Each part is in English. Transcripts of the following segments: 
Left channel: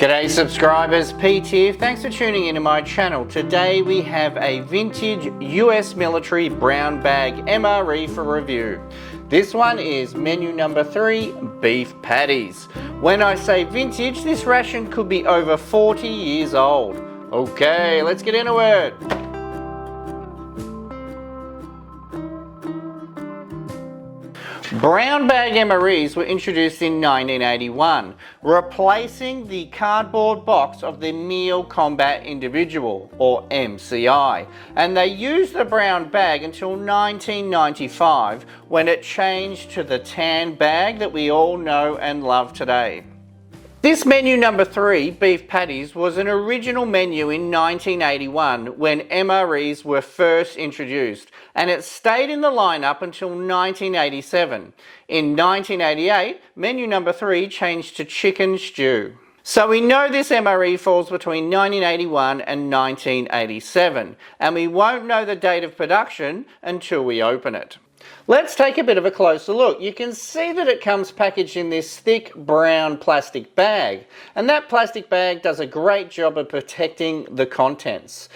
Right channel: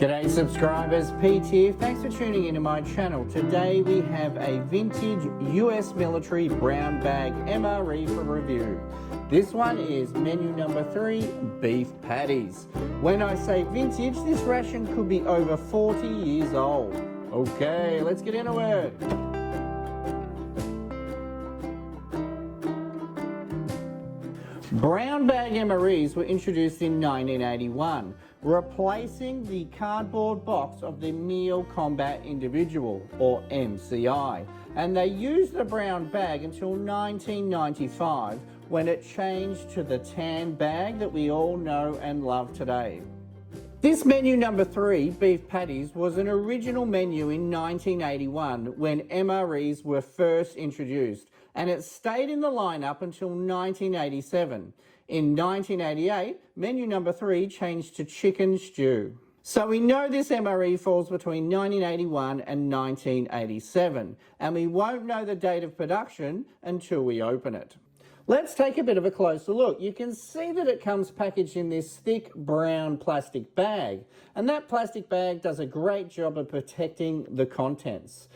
G'day subscribers, Pete here. Thanks for tuning into my channel. Today we have a vintage US military brown bag MRE for review. This one is menu number 3, beef patties. When I say vintage, this ration could be over 40 years old. Okay, let's get into it. Brown bag MREs were introduced in 1981, replacing the cardboard box of the Meal Combat Individual, or MCI, and they used the brown bag until 1995, when it changed to the tan bag that we all know and love today. This menu number 3, beef patties, was an original menu in 1981 when MREs were first introduced, and it stayed in the lineup until 1987. In 1988, menu number 3 changed to chicken stew. So we know this MRE falls between 1981 and 1987, and we won't know the date of production until we open it. Let's take a bit of a closer look. You can see that it comes packaged in this thick brown plastic bag, and that plastic bag does a great job of protecting the contents.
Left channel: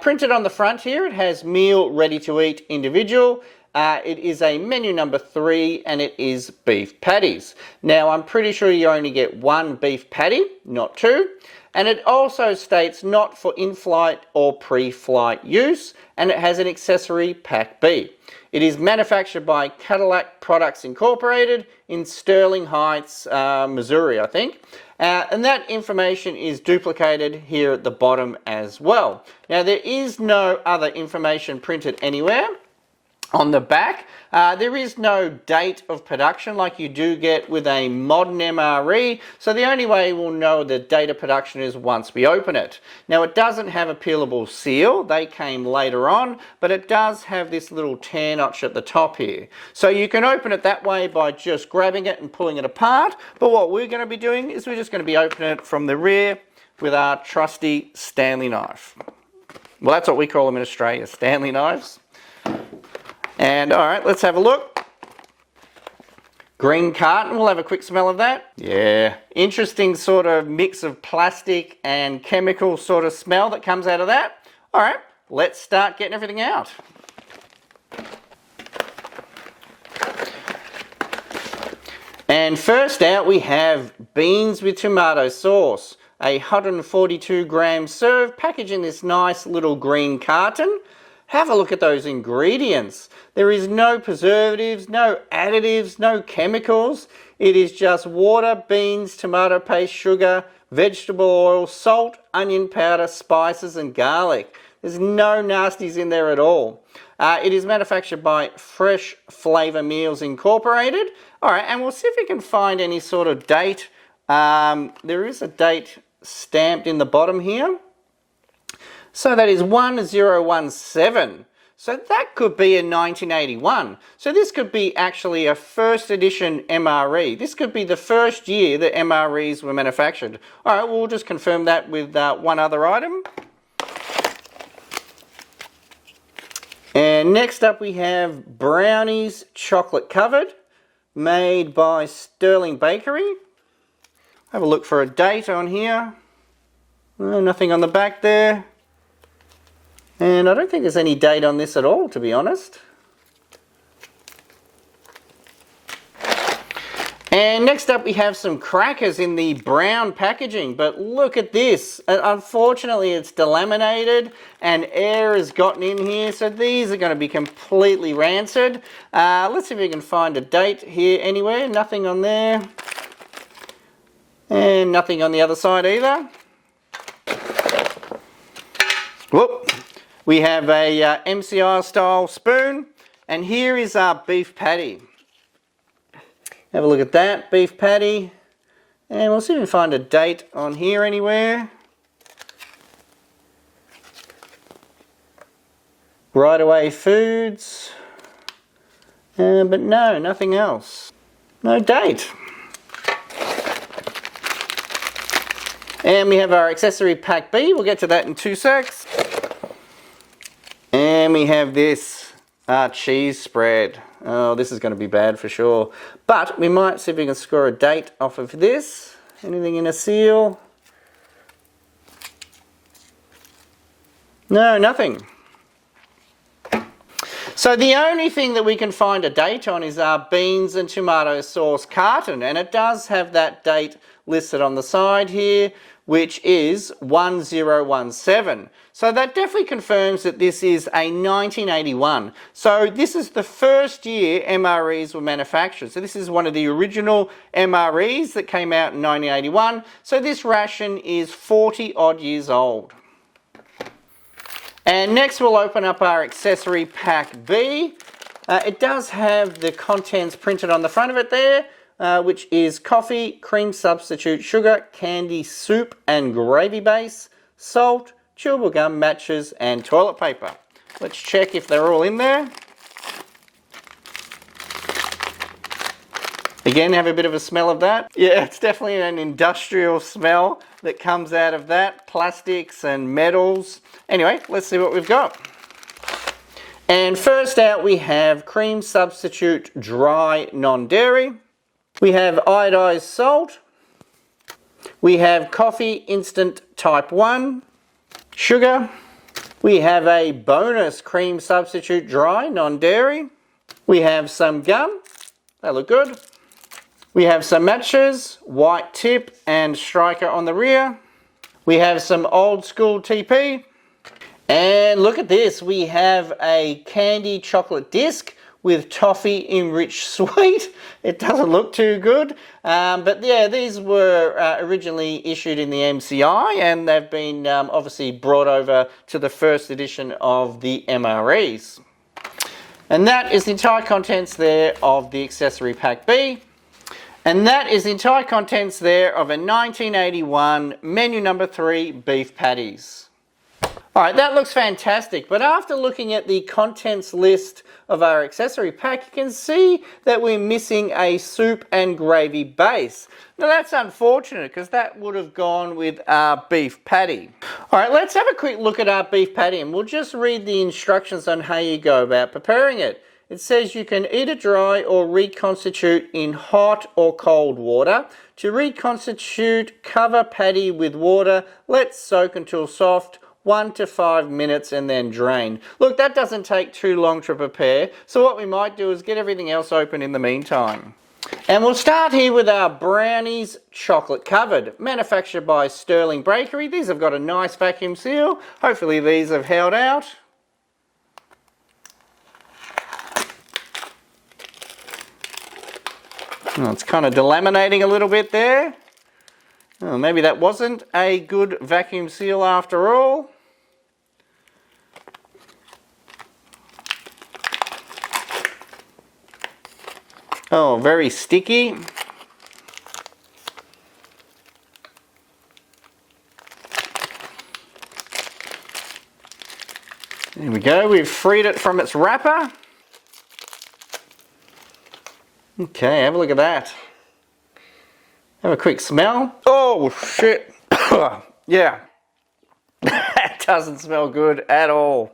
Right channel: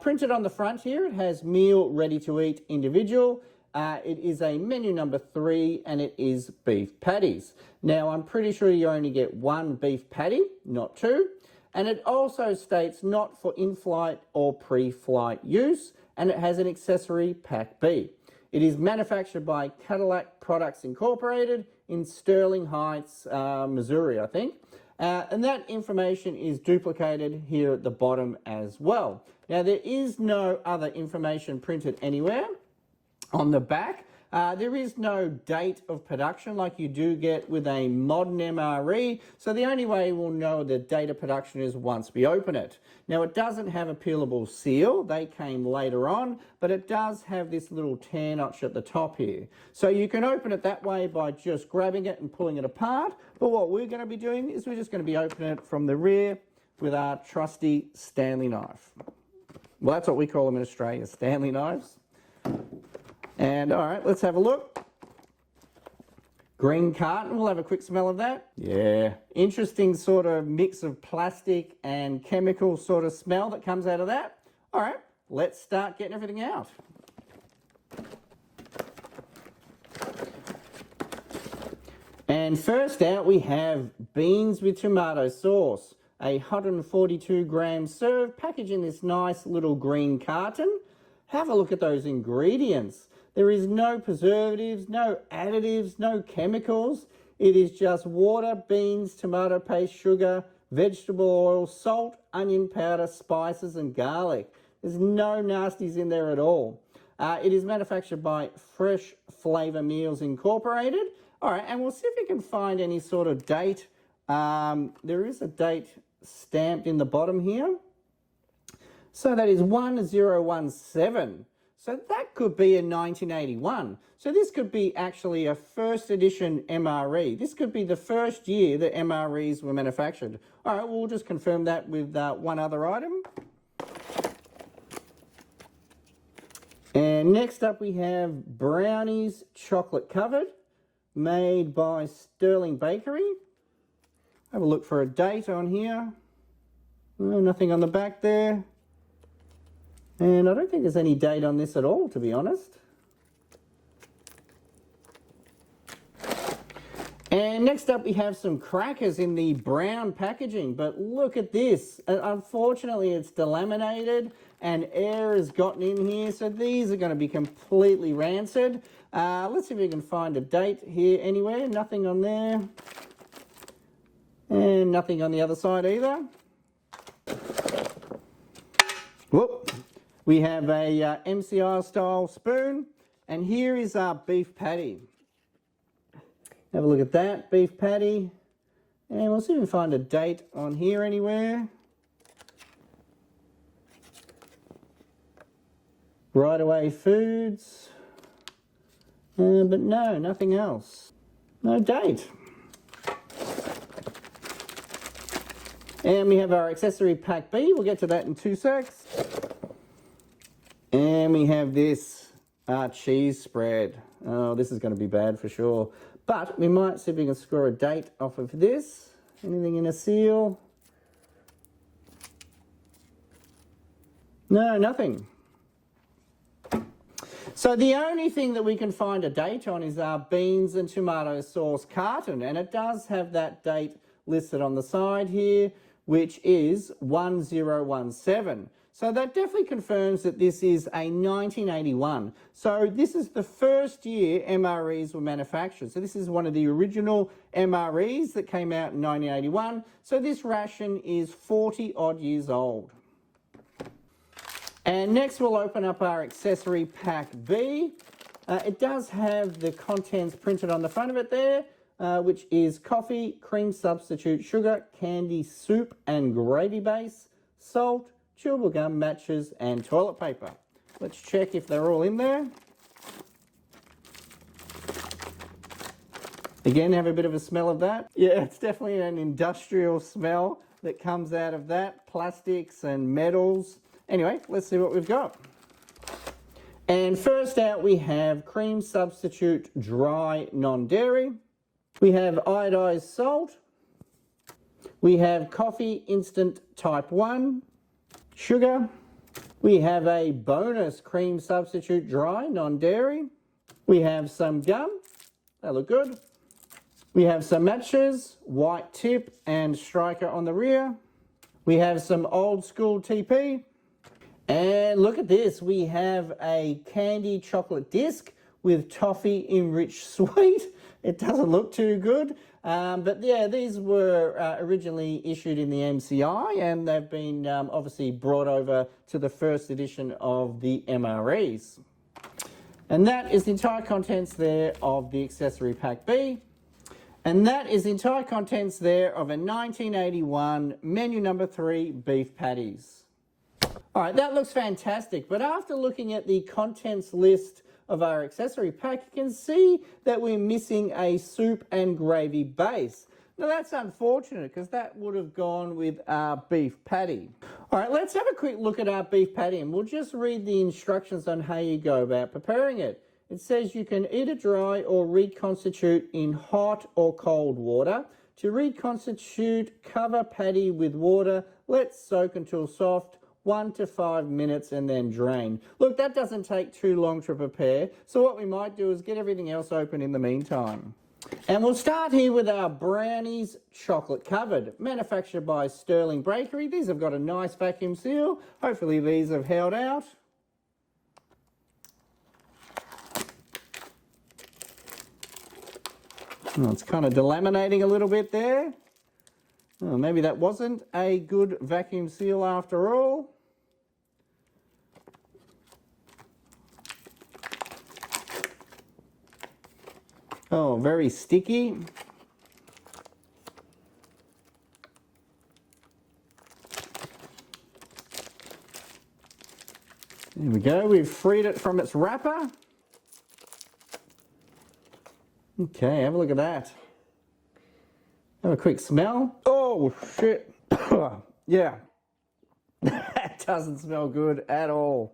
Printed on the front here, it has meal ready to eat individual. It is a menu number 3 and it is beef patties. Now I'm pretty sure you only get one beef patty, not two. And it also states not for in-flight or pre-flight use, and it has an accessory pack B. It is manufactured by Cadillac Products Incorporated in Sterling Heights, Missouri, I think. And that information is duplicated here at the bottom as well. Now there is no other information printed anywhere on the back. There is no date of production like you do get with a modern MRE, so the only way we'll know the date of production is once we open it. Now it doesn't have a peelable seal, they came later on, but it does have this little tear notch at the top here. So you can open it that way by just grabbing it and pulling it apart, but what we're going to be doing is we're just going to be opening it from the rear with our trusty Stanley knife. Well, that's what we call them in Australia, Stanley knives. And all right, let's have a look. Green carton, we'll have a quick smell of that. Yeah, interesting sort of mix of plastic and chemical sort of smell that comes out of that. All right, let's start getting everything out. And first out we have beans with tomato sauce. A 142 gram serve, packaged in this nice little green carton. Have a look at those ingredients. There is no preservatives, no additives, no chemicals. It is just water, beans, tomato paste, sugar, vegetable oil, salt, onion powder, spices and garlic. There's no nasties in there at all. It is manufactured by Fresh Flavor Meals Incorporated. All right, and we'll see if we can find any sort of date. There is a date stamped in the bottom here. So that is 1017. So that could be in 1981. So this could be actually a first edition MRE. This could be the first year that MREs were manufactured. All right, we'll just confirm that with one other item. And next up we have brownies chocolate covered, made by Sterling Bakery. Have a look for a date on here. Nothing on the back there. And I don't think there's any date on this at all, to be honest. And next up we have some crackers in the brown packaging, but look at this. Unfortunately it's delaminated and air has gotten in here, so these are going to be completely rancid. Let's see if we can find a date here anywhere. Nothing on there. And nothing on the other side either. Whoop. We have a MCI style spoon, and here is our beef patty. Have a look at that, beef patty. And we'll see if we can find a date on here anywhere. Right Away Foods. But no, nothing else. No date. And we have our accessory pack B. We'll get to that in 2 secs. And we have this cheese spread. Oh, this is going to be bad for sure. But we might see if we can score a date off of this. Anything in a seal? No, nothing. So the only thing that we can find a date on is our beans and tomato sauce carton, and it does have that date listed on the side here, which is 1017. So that definitely confirms that this is a 1981. So this is the first year MREs were manufactured. So this is one of the original MREs that came out in 1981. So this ration is 40 odd years old. And next we'll open up our accessory pack B. It does have the contents printed on the front of it there, which is coffee, cream substitute, sugar, candy, soup and gravy base, salt, chewable gum, matches and toilet paper. Let's check if they're all in there. Again, have a bit of a smell of that. Yeah, it's definitely an industrial smell that comes out of that. Plastics and metals. Anyway, let's see what we've got. And first out we have cream substitute dry non-dairy. We have iodized salt. We have coffee instant type 1. Sugar. We have a bonus cream substitute dry non-dairy. We have some gum. They look good. We have some matches, white tip and striker on the rear. We have some old school TP. And look at this, we have a candy chocolate disc with toffee enriched sweet. It doesn't look too good, but yeah, these were originally issued in the MCI and they've been obviously brought over to the first edition of the MREs. And that is the entire contents there of the accessory pack B. And that is the entire contents there of a 1981 menu number 3 beef patties. All right, that looks fantastic, but after looking at the contents list of our accessory pack, you can see that we're missing a soup and gravy base. Now that's unfortunate because that would have gone with our beef patty. All right, let's have a quick look at our beef patty and we'll just read the instructions on how you go about preparing it. It says you can eat it dry or reconstitute in hot or cold water. To reconstitute, cover patty with water, let soak until soft, 1 to 5 minutes and then drain. Look, that doesn't take too long to prepare, so what we might do is get everything else open in the meantime. And we'll start here with our brownies chocolate covered, manufactured by Sterling Bakery. These have got a nice vacuum seal. Hopefully these have held out. Oh, it's kind of delaminating a little bit there. Oh, maybe that wasn't a good vacuum seal after all. Oh, very sticky. There we go, we've freed it from its wrapper. Okay, have a look at that. Have a quick smell. Oh, shit. Yeah. That doesn't smell good at all.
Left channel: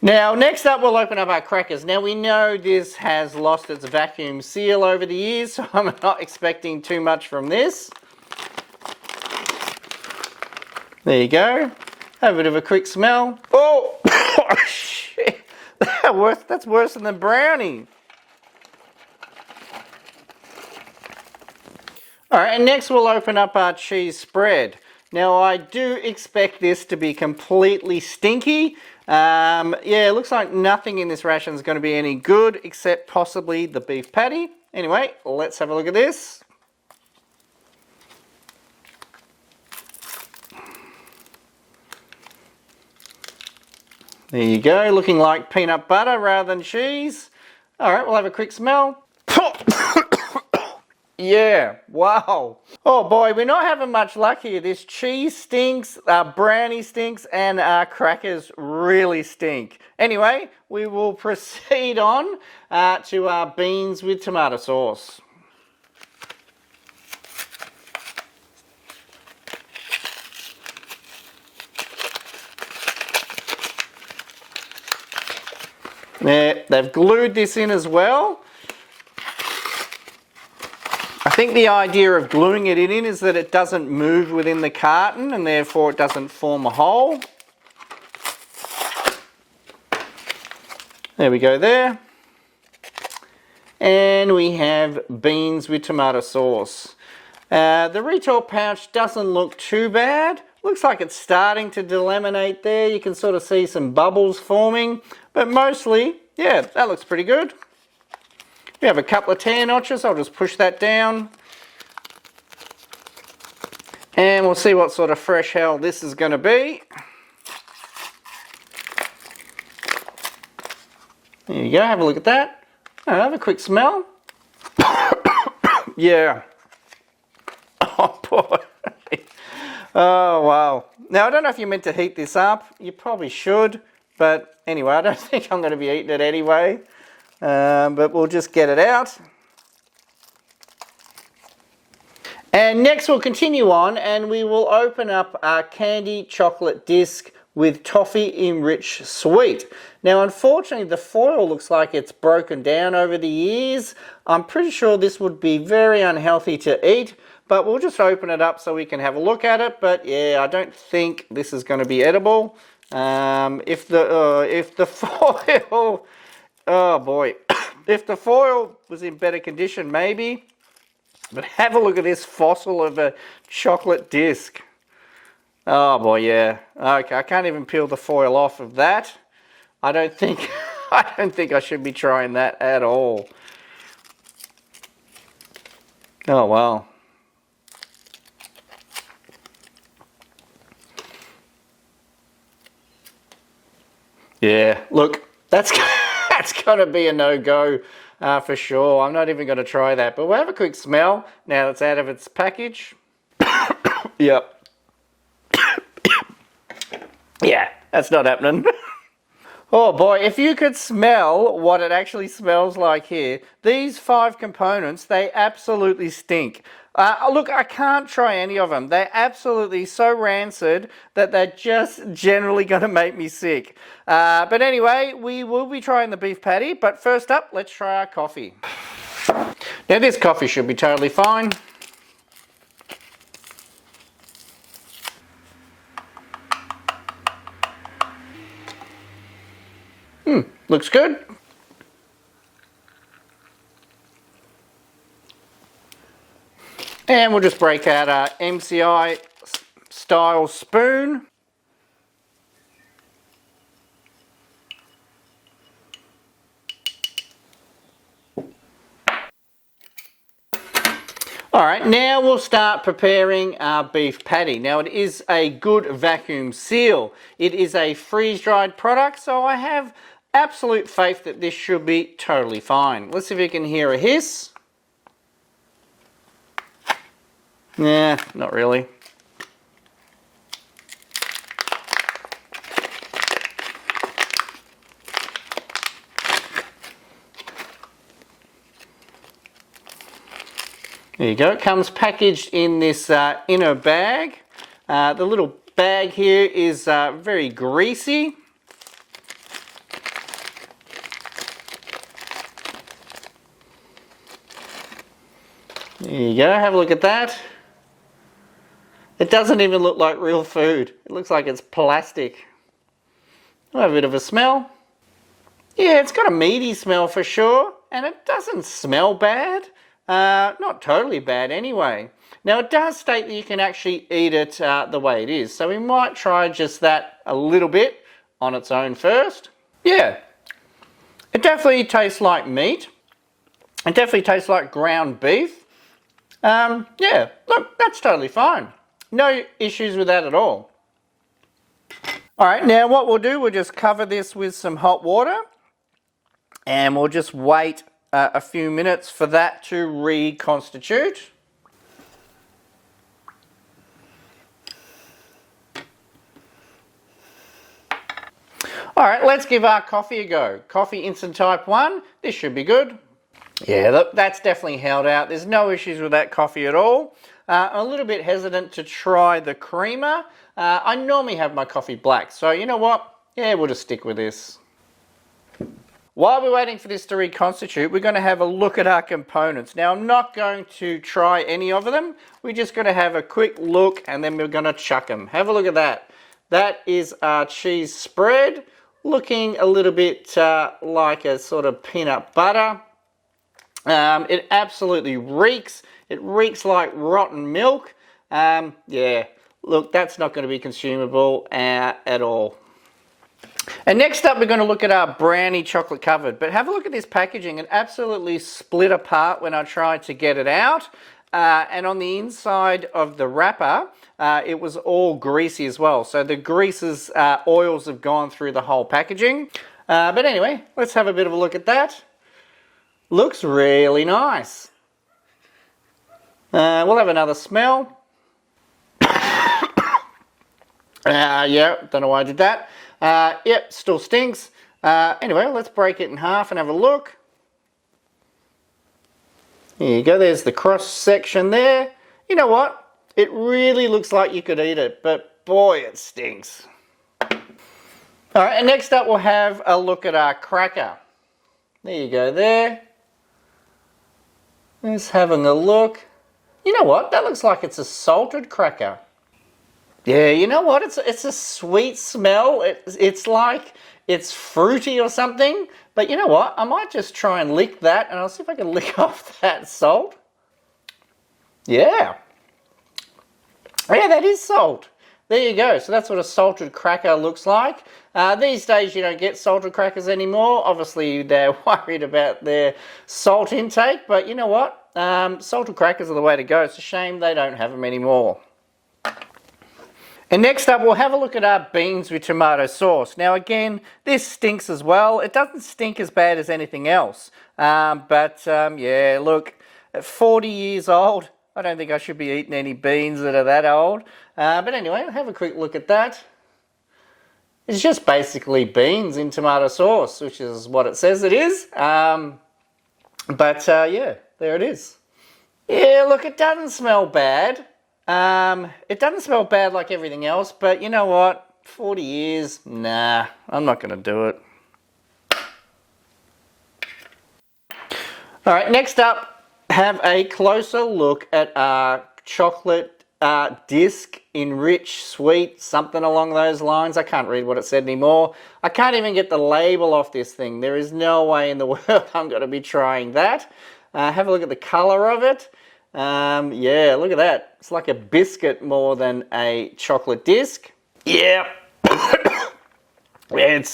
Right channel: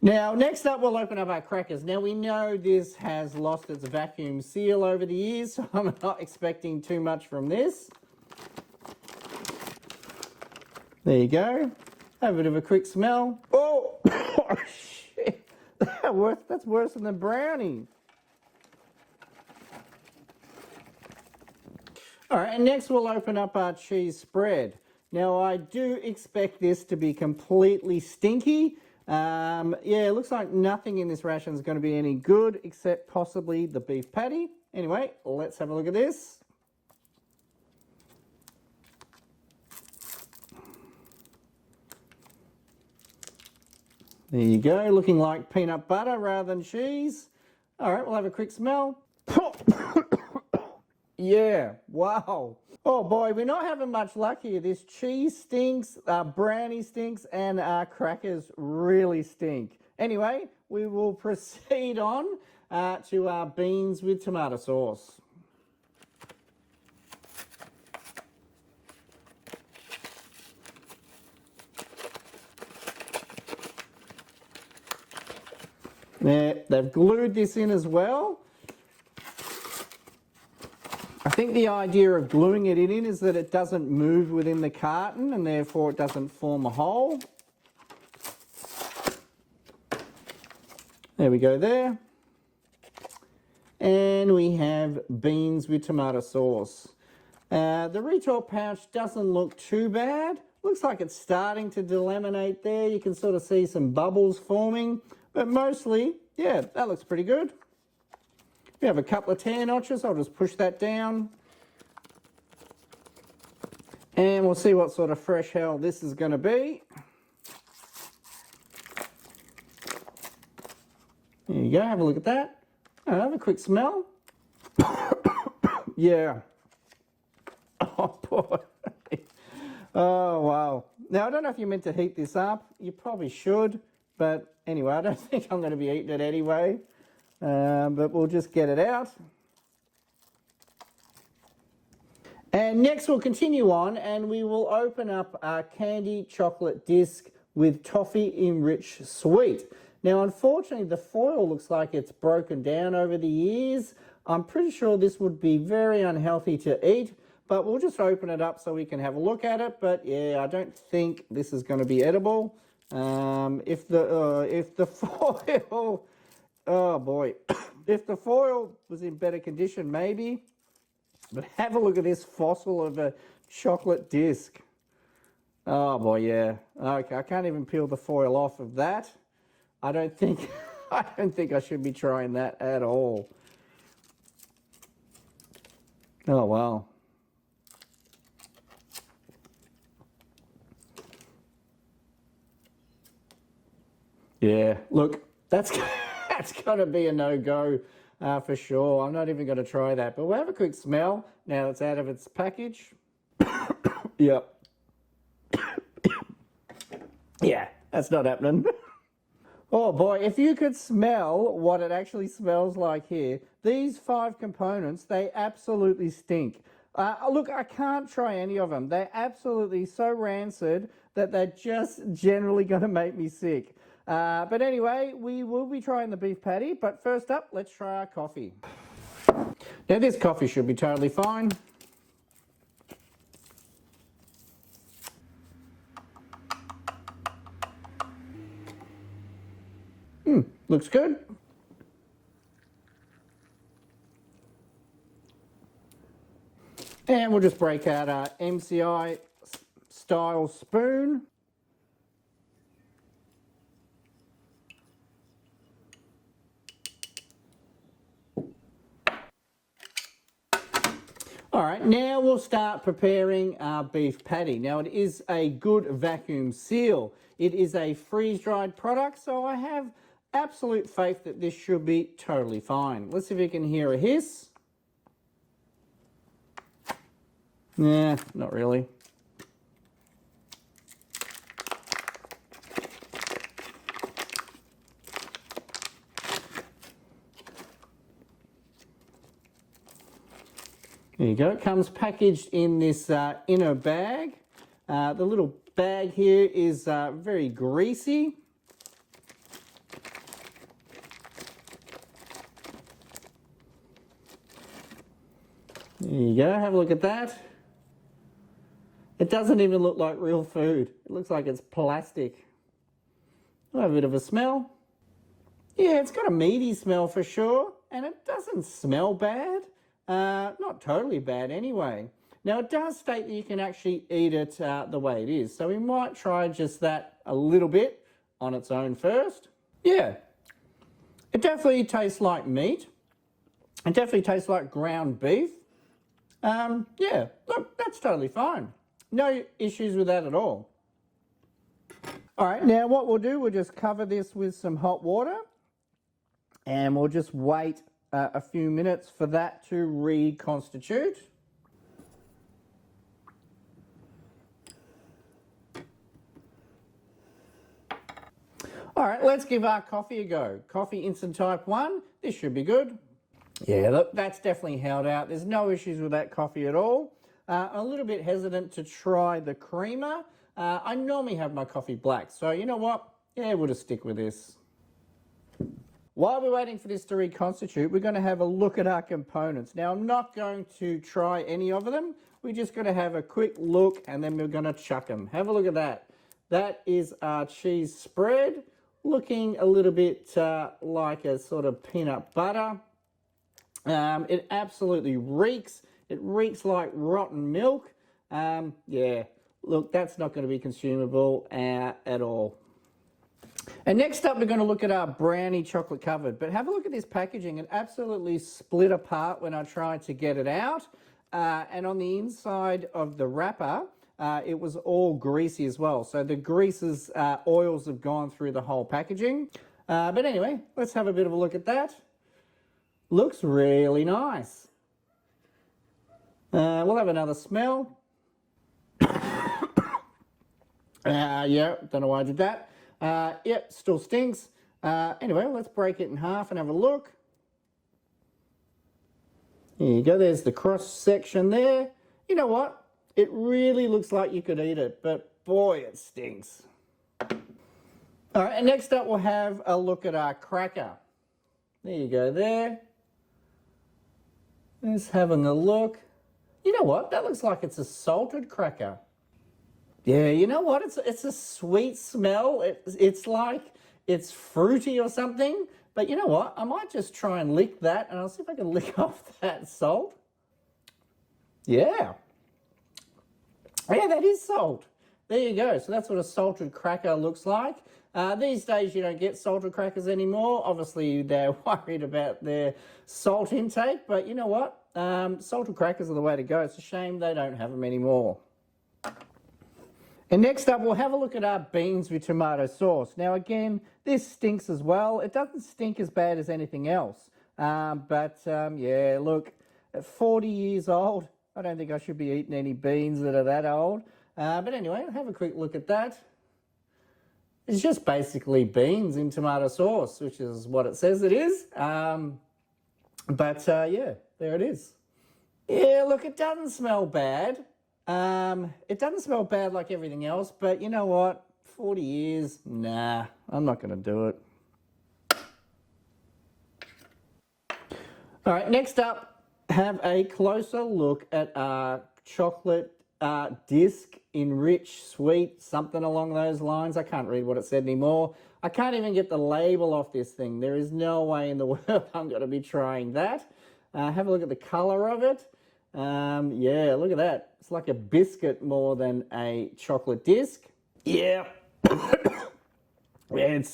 Now, next up, we'll open up our crackers. Now, we know this has lost its vacuum seal over the years, so I'm not expecting too much from this. There you go. Have a bit of a quick smell. Oh, oh shit. That's worse than the brownie. All right, and next we'll open up our cheese spread. Now I do expect this to be completely stinky. Yeah, it looks like nothing in this ration is going to be any good except possibly the beef patty. Anyway, let's have a look at this. There you go, looking like peanut butter rather than cheese. All right, we'll have a quick smell. Yeah, wow. Oh boy, we're not having much luck here. This cheese stinks, our brownie stinks, and our crackers really stink. Anyway, we will proceed on to our beans with tomato sauce. There, they've glued this in as well. I think the idea of gluing it in is that it doesn't move within the carton and therefore it doesn't form a hole. There we go there. And we have beans with tomato sauce. The retail pouch doesn't look too bad. Looks like it's starting to delaminate there. You can sort of see some bubbles forming, but mostly, yeah, that looks pretty good. We have a couple of tear notches. I'll just push that down. And we'll see what sort of fresh hell this is going to be. There you go, have a look at that. Have a quick smell. Yeah. Oh boy. Oh wow. Now I don't know if you're meant to heat this up. You probably should. But anyway, I don't think I'm going to be eating it anyway. But we'll just get it out. And next we'll continue on and we will open up our candy chocolate disc with toffee enriched sweet. Now unfortunately the foil looks like it's broken down over the years. I'm pretty sure this would be very unhealthy to eat, but we'll just open it up so we can have a look at it. But yeah, I don't think this is going to be edible. If the foil, oh boy, if the foil was in better condition maybe. But have a look at this fossil of a chocolate disc. Oh boy, yeah. Okay, I can't even peel the foil off of that. I don't think I should be trying that at all. Oh wow. Yeah, look, that's gonna be a no-go. For sure, I'm not even going to try that, but we'll have a quick smell now it's out of its package. Yep. Yeah, that's not happening. Oh boy, if you could smell what it actually smells like here, these 5 components, they absolutely stink. Look, I can't try any of them. They're absolutely so rancid that they're just generally going to make me sick. But anyway, we will be trying the beef patty. But first up, let's try our coffee. Now this coffee should be totally fine. Looks good. And we'll just break out our MCI style spoon. All right, now we'll start preparing our beef patty. Now it is a good vacuum seal. It is a freeze-dried product, so I have absolute faith that this should be totally fine. Let's see if you can hear a hiss. Nah, not really. There you go, it comes packaged in this inner bag. The little bag here is very greasy. There you go, have a look at that. It doesn't even look like real food. It looks like it's plastic. I'll have a bit of a smell. Yeah, it's got a meaty smell for sure, and it doesn't smell bad. Not totally bad anyway. Now it does state that you can actually eat it the way it is, so we might try just that a little bit on its own first. Yeah, it definitely tastes like meat. It definitely tastes like ground beef. Yeah, look, that's totally fine. No issues with that at all. All right, now what we'll do, we'll just cover this with some hot water and we'll just wait a few minutes for that to reconstitute. All right, let's give our coffee a go. Coffee Instant Type 1, this should be good. Yeah, look, that's definitely held out. There's no issues with that coffee at all. A little bit hesitant to try the creamer. I normally have my coffee black, so you know what? Yeah, we'll just stick with this. While we're waiting for this to reconstitute, we're going to have a look at our components. Now, I'm not going to try any of them. We're just going to have a quick look and then we're going to chuck them. Have a look at that. That is our cheese spread. looking a little bit like a sort of peanut butter. It absolutely reeks. It reeks like rotten milk. Yeah, look, that's not going to be consumable at all. And next up, we're going to look at our brownie chocolate covered. But have a look at this packaging. It absolutely split apart when I tried to get it out. And on the inside of the wrapper, it was all greasy as well. So the greases, oils have gone through the whole packaging. But anyway, let's have a bit of a look at that. Looks really nice. We'll have another smell. Yeah, don't know why I did that. Yep, still stinks. Anyway, let's break it in half and have a look. There you go, there's the cross section there. You know what? It really looks like you could eat it, but boy, it stinks. All right, and next up we'll have a look at our cracker. There you go there. Just having a look. You know what? That looks like it's a salted cracker. Yeah, you know what? It's a sweet smell. It's like it's fruity or something. But you know what? I might just try and lick that, and I'll see if I can lick off that salt. Yeah. Yeah, that is salt. There you go. So that's what a salted cracker looks like. These days you don't get salted crackers anymore. Obviously they're worried about their salt intake, but you know what? Salted crackers are the way to go. It's a shame they don't have them anymore. And next up, we'll have a look at our beans with tomato sauce. Now again, this stinks as well. It doesn't stink as bad as anything else. Yeah, look, at 40 years old, I don't think I should be eating any beans that are that old. But anyway, have a quick look at that. It's just basically beans in tomato sauce, which is what it says it is. Yeah, there it is. Yeah, look, it doesn't smell bad. It doesn't smell bad like everything else, but you know what? 40 years, nah, I'm not going to do it. All right, next up, have a closer look at our chocolate disc, enriched sweet, something along those lines. I can't read what it said anymore. I can't even get the label off this thing. There is no way in the world I'm going to be trying that. Have a look at the color of it. Yeah, look at that. It's like a biscuit more than a chocolate disc. Yeah. It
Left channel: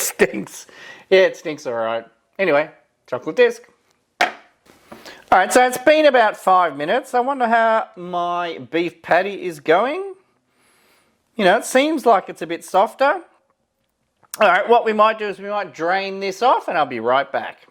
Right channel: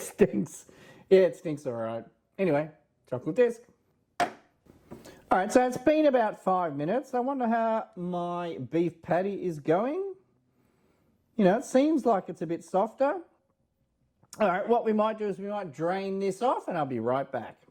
stinks. Yeah, it stinks all right. Anyway, chocolate disc. All right, so it's been about 5 minutes. I wonder how my beef patty is going. You know, it seems like it's a bit softer. All right, what we might do is we might drain this off and I'll be right back.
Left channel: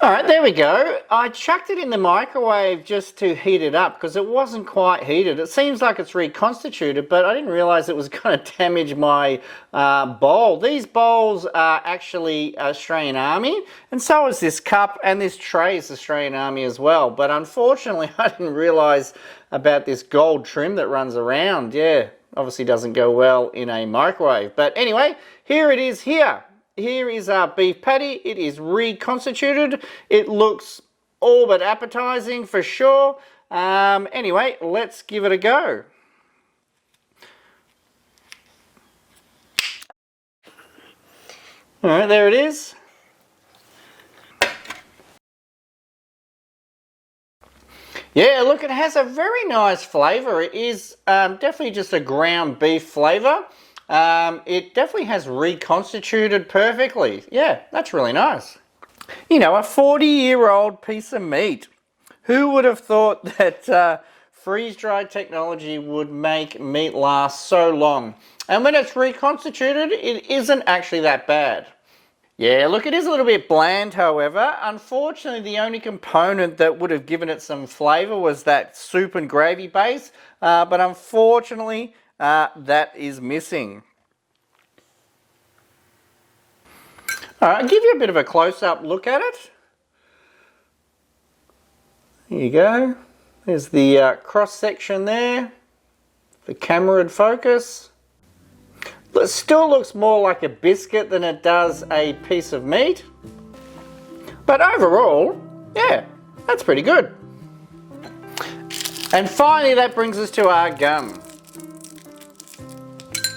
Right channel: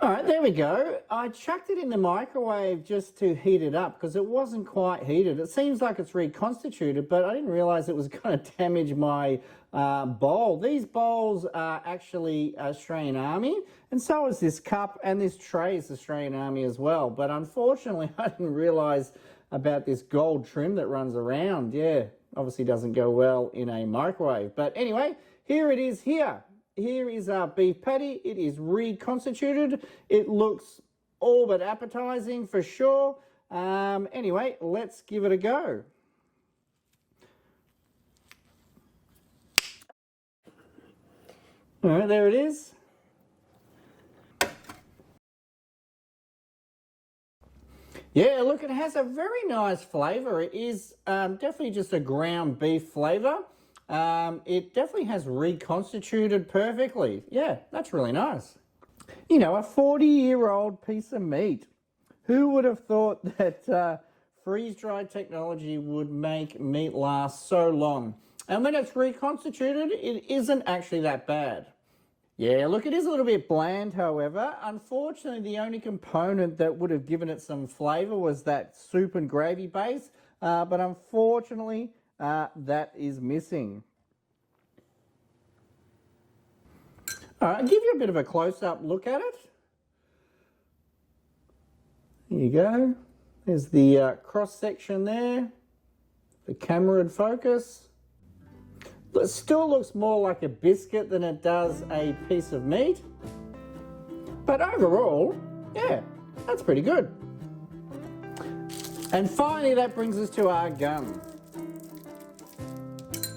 All right, there we go. I chucked it in the microwave just to heat it up because it wasn't quite heated. It seems like it's reconstituted, but I didn't realize it was going to damage my bowl. These bowls are actually Australian Army, and so is this cup, and this tray is Australian Army as well. But unfortunately, I didn't realize about this gold trim that runs around. Yeah, obviously doesn't go well in a microwave. But anyway, here it is here. Here is our beef patty. It is reconstituted. It looks all but appetizing for sure. Anyway, let's give it a go. All right, there it is. Yeah, look, it has a very nice flavour. It is definitely just a ground beef flavour. It definitely has reconstituted perfectly. Yeah, that's really nice. You know, a 40-year-old piece of meat. Who would have thought that freeze-dried technology would make meat last so long? And when it's reconstituted, it isn't actually that bad. Yeah, look, it is a little bit bland, however. Unfortunately, the only component that would have given it some flavour was that soup and gravy base. But unfortunately, that is missing. All right, I'll give you a bit of a close-up look at it. There you go. There's the cross-section there. The camera would focus. It still looks more like a biscuit than it does a piece of meat. But overall, yeah, that's pretty good. And finally, that brings us to our gum.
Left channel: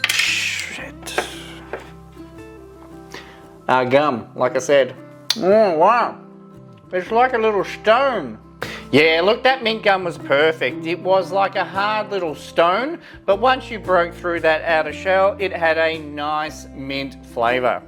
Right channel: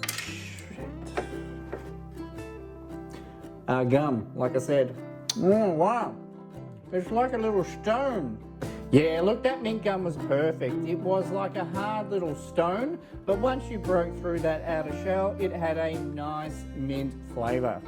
Shit. gum, like I said. Oh, wow. It's like a little stone. Yeah, look, that mint gum was perfect. It was like a hard little stone, but once you broke through that outer shell, it had a nice mint flavour.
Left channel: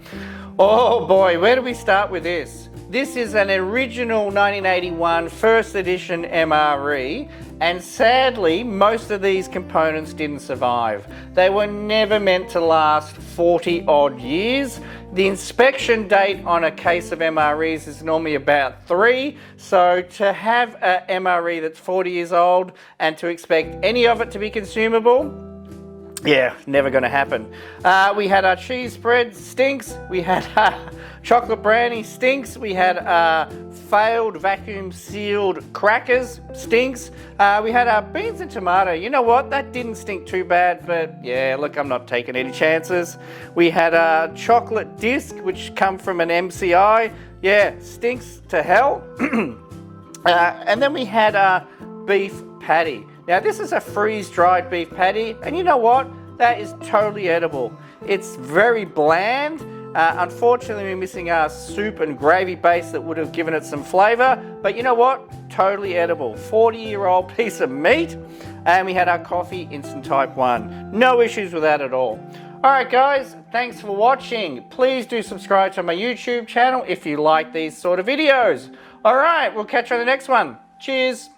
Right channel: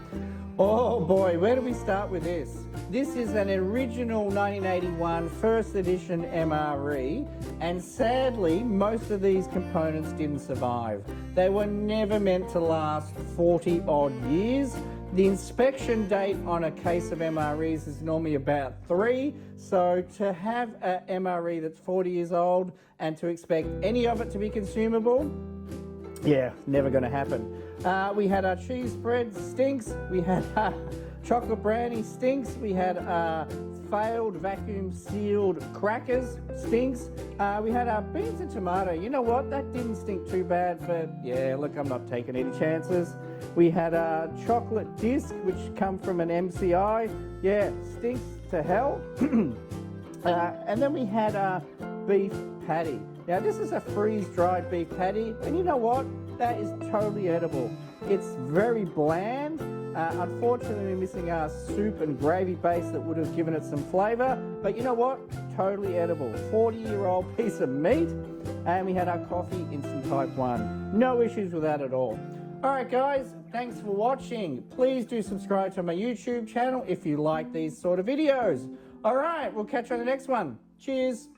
Oh boy, where do we start with this? This is an original 1981 first edition MRE, and sadly, most of these components didn't survive. They were never meant to last 40 odd years. The inspection date on a case of MREs is normally about 3, so to have a MRE that's 40 years old and to expect any of it to be consumable, yeah, never going to happen. We had our cheese spread, stinks. We had chocolate brownie, stinks. We had failed vacuum sealed crackers, stinks. We had our beans and tomato. You know what? That didn't stink too bad, but yeah, look, I'm not taking any chances. We had a chocolate disc, which come from an MCI. Yeah, stinks to hell. And then we had a beef patty. Now this is a freeze-dried beef patty, and you know what? That is totally edible. It's very bland. Unfortunately, we're missing our soup and gravy base that would have given it some flavour, but you know what? Totally edible. 40-year-old piece of meat, and we had our coffee instant type 1. No issues with that at all. Alright guys, thanks for watching. Please do subscribe to my YouTube channel if you like these sort of videos. Alright, we'll catch you on the next one. Cheers.